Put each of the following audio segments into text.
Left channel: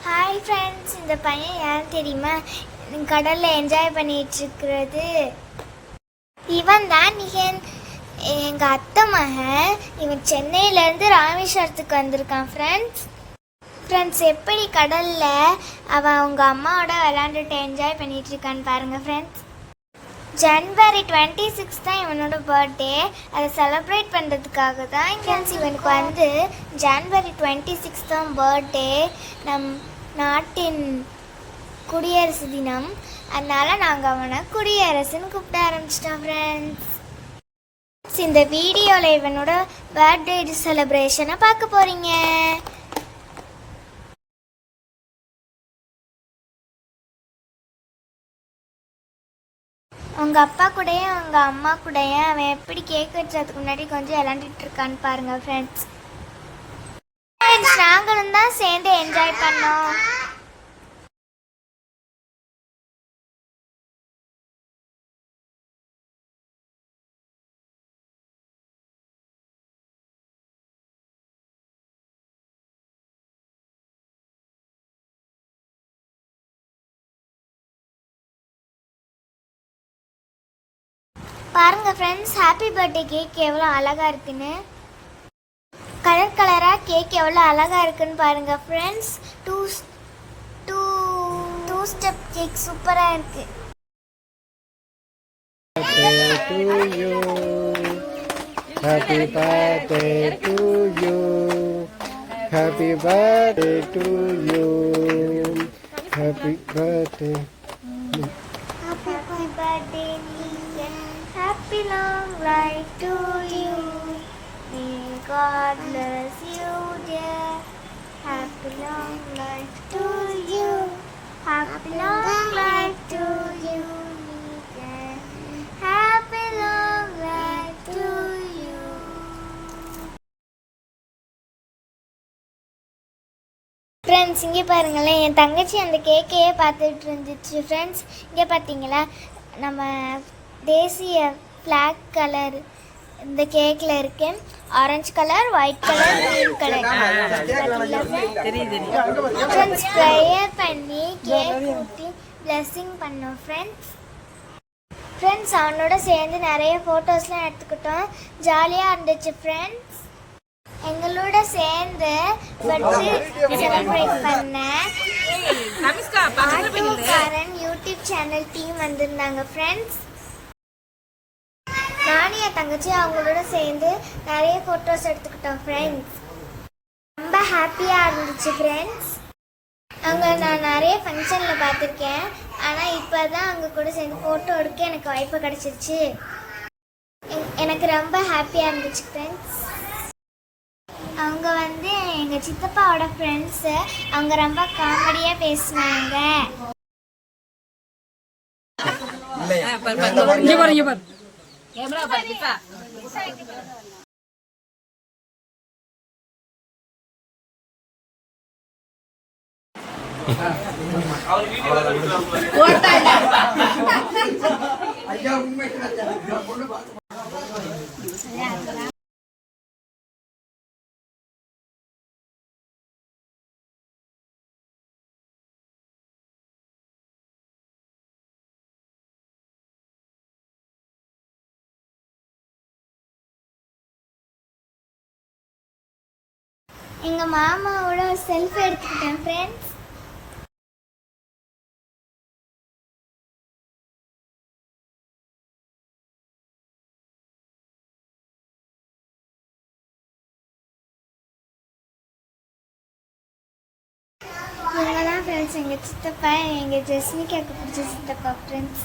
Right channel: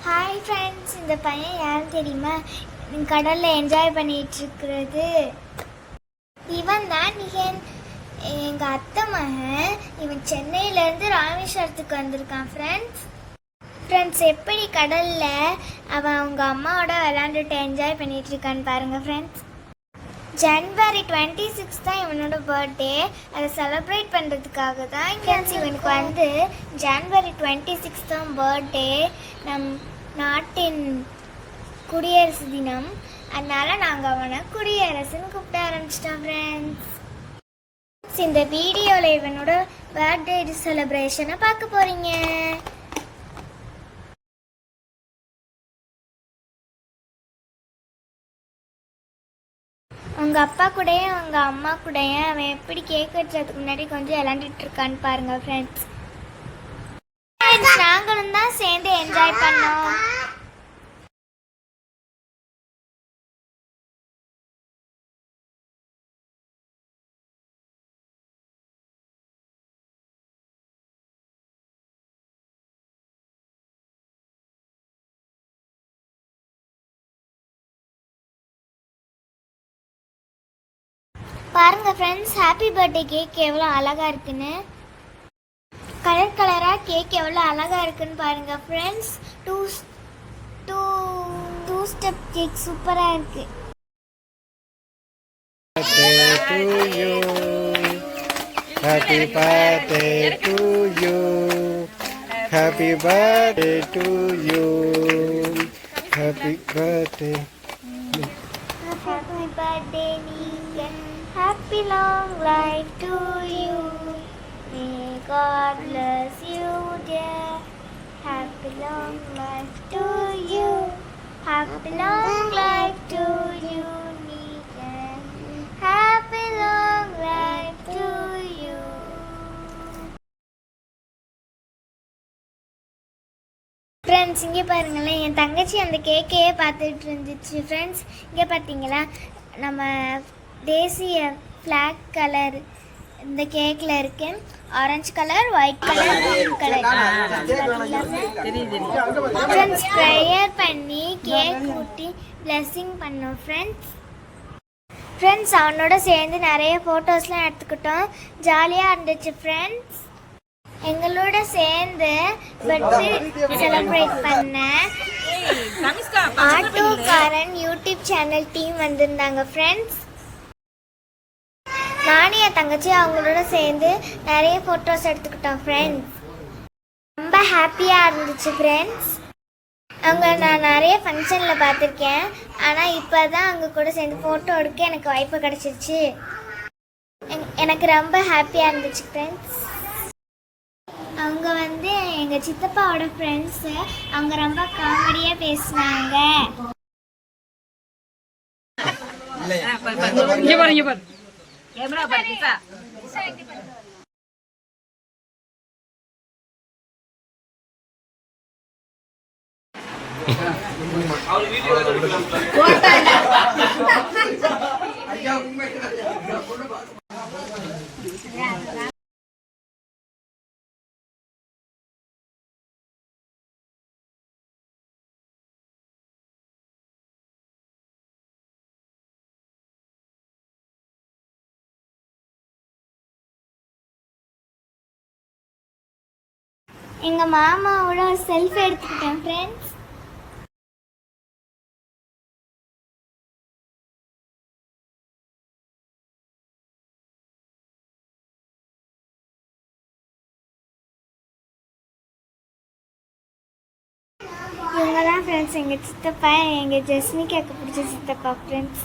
Hi friends இந்த பையன் யார் தெரியுமா? கடலில் என்ஜாய் பண்ணிகிட்ருக்கிறது இவன் தான் என் எங்கள் அத்தை மகன். இவன் சென்னையிலேருந்து ராமேஸ்வரத்துக்கு வந்திருக்கான் ஃப்ரெண்ட்ஸ் ஃப்ரெண்ட்ஸ் எப்படி கடலில் அவன் அவங்க அம்மாவோட விளாண்டுட்டு என்ஜாய் பண்ணிகிட்ருக்கான்னு பாருங்கள் ஃப்ரெண்ட்ஸ் ஜனவரி டுவெண்ட்டி சிக்ஸ் தான் இவனோட பர்த்டே அதை செலிப்ரேட் பண்ணுறதுக்காக தான் ஃப்ரெண்ட்ஸ் இவனுக்கு வந்து ஜனவரி டுவெண்ட்டி சிக்ஸ் தான் பர்த்டே நம் நாட்டின் குடியரசு தினம். அதனால நாங்கள் அவனை குடியரசுன்னு கூப்பிட ஆரம்பிச்சிட்டோம் ஃப்ரெண்ட்ஸ் இந்த வீடியோவில் இவனோட பர்த்டே செலிப்ரேஷனை பார்க்க போகிறீங்க உங்கள் அப்பா கூடயும் அவங்க அம்மா கூடயும் அவன் எப்படி கேக் வச்சதுக்கு முன்னாடி கொஞ்சம் விளாண்டுட்டு இருக்கான்னு பாருங்க ஃப்ரெண்ட்ஸ் நாங்களும் தான் சேர்ந்து என்ஜாய் பண்ணோம். பாருங்க ஃப்ரெண்ட்ஸ் ஹாப்பி பர்த்டே கேக் எவ்வளோ அழகா இருக்குன்னு கலர் கலராக கேக் எவ்வளோ அழகா இருக்குன்னு பாருங்க friends two two two step cake சூப்பராக இருக்கு birthday to you. Happy birthday to you. Happy birthday to you. Happy birthday. Happy birthday, Lisa. Happy long life to you. May God bless you, dear. Happy long life to you. Happy long life to you, Lisa. Happy long life to you. Friends இங்கே பாருங்களேன் என் தங்கச்சி அந்த கேக்கையே பார்த்துட்டு இருந்துச்சு friends இங்கே பார்த்தீங்களா நம்ம தேசிய ஃப்ளாக் கலர் இந்த கேக்கில் இருக்கு. Orange colour white colour blue colour friends prayer பண்ணி கேக் ஊட்டி பிளெஸ்ஸிங் பண்ணோம் ஃப்ரெண்ட்ஸ் ஃப்ரெண்ட்ஸ் அவனோட சேர்ந்து நிறைய ஃபோட்டோஸ்லாம் எடுத்துக்கிட்டோம். ஜாலியாக இருந்துச்சு ஃப்ரெண்ட்ஸ் எங்களோட சேர்ந்து பர்த்டே செலிப்ரேட் பண்ண ஆட்டோக்காரன் யூடியூப் சேனல் டீம் வந்திருந்தாங்க ஃப்ரெண்ட்ஸ் நானும் என் தங்கச்சி அவங்களோட சேர்ந்து நிறைய ஃபோட்டோஸ் எடுத்துக்கிட்டோம் ஃப்ரெண்ட்ஸ் ரொம்ப ஹாப்பியாக இருந்துச்சு ஃப்ரெண்ட்ஸ் அவங்க நான் நிறைய ஃபங்க்ஷனில் பார்த்துருக்கேன். ஆனால் இப்போ தான் அவங்க கூட சேர்ந்து ஃபோட்டோ எடுக்க எனக்கு வாய்ப்பு கிடச்சிருச்சு. எனக்கு ரொம்ப ஹாப்பியாக இருந்துச்சு ஃப்ரெண்ட்ஸ் அவங்க வந்து எங்கள் சித்தப்பாவோட ஃப்ரெண்ட்ஸு அவங்க ரொம்ப காமெடியாக பேசினாங்க. कैमरा पर दिखा और वीडियो எங்கள் மாமாவோட செல்ஃபி எடுத்துக்கிட்டேன் ஃப்ரெண்ட்ஸ் இவங்க தான் ஃப்ரெண்ட்ஸ் எங்கள் சித்தப்பா எங்கள் ஜெஸ்னிக்காக்கு பிடிச்ச சித்தப்பா ஃப்ரெண்ட்ஸ்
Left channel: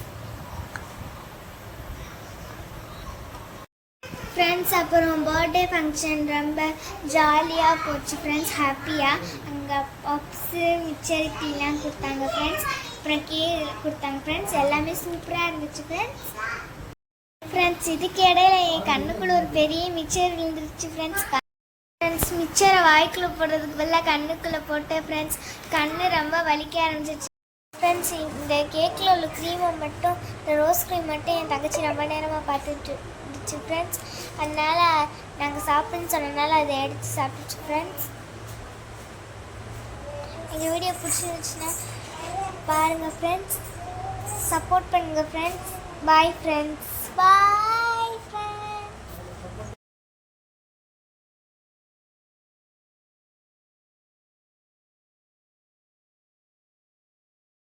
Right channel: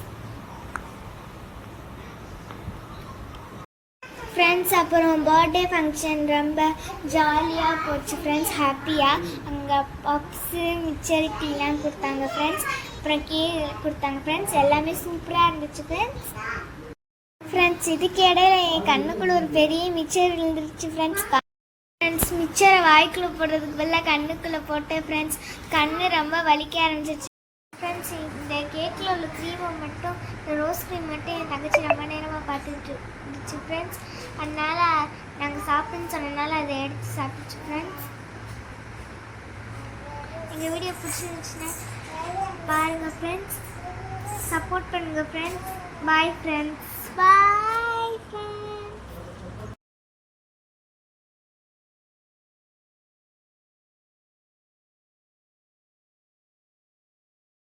ஃப்ரெண்ட்ஸ் அப்புறம் பர்த்டே ஃபங்க்ஷன் ரொம்ப ஜாலியாக போச்சு ஃப்ரெண்ட்ஸ் ஹாப்பியாக அங்கே பப்ஸு மிச்சரிட்டிலாம் கொடுத்தாங்க ஃப்ரெண்ட்ஸ் அப்புறம் கேக் கொடுத்தாங்க ஃப்ரெண்ட்ஸ் எல்லாமே சூப்பராக இருந்துச்சு ஃப்ரெண்ட்ஸ் ஃப்ரெண்ட்ஸ் இதுக்கு இடையில என் கண்ணுக்குள்ள ஒரு பெரிய மிச்சர் விழுந்துருச்சு ஃப்ரெண்ட்ஸ் ஃப்ரெண்ட்ஸ் மிச்சரை வாய்க்குள்ள போடுறதுக்கு பதிலாக கண்ணுக்குள்ளே போட்டு ஃப்ரெண்ட்ஸ் கண்ணு ரொம்ப வலிக்க ஆரம்பிச்சிச்சு ஃப்ரெண்ட்ஸ் இந்த கேக்கில் உள்ள க்ரீமை மட்டும் இந்த ரோஸ் க்ரீம் மட்டும் என் தங்கச்சி ரொம்ப நேரமாக பார்த்துட்டு இருந்துச்சு ஃப்ரெண்ட்ஸ் அதனால் நாங்கள் சாப்பிடுன்னு சொன்னனால அதை எடுத்து சாப்பிடுச்சு ஃப்ரெண்ட்ஸ் இந்த வீடியோ பிடிச்சிருந்துச்சுன்னா பாருங்கள் ஃப்ரெண்ட்ஸ் சப்போர்ட் பண்ணுங்கள் ஃப்ரெண்ட்ஸ் பாய் ஃப்ரெண்ட்ஸ் பாய்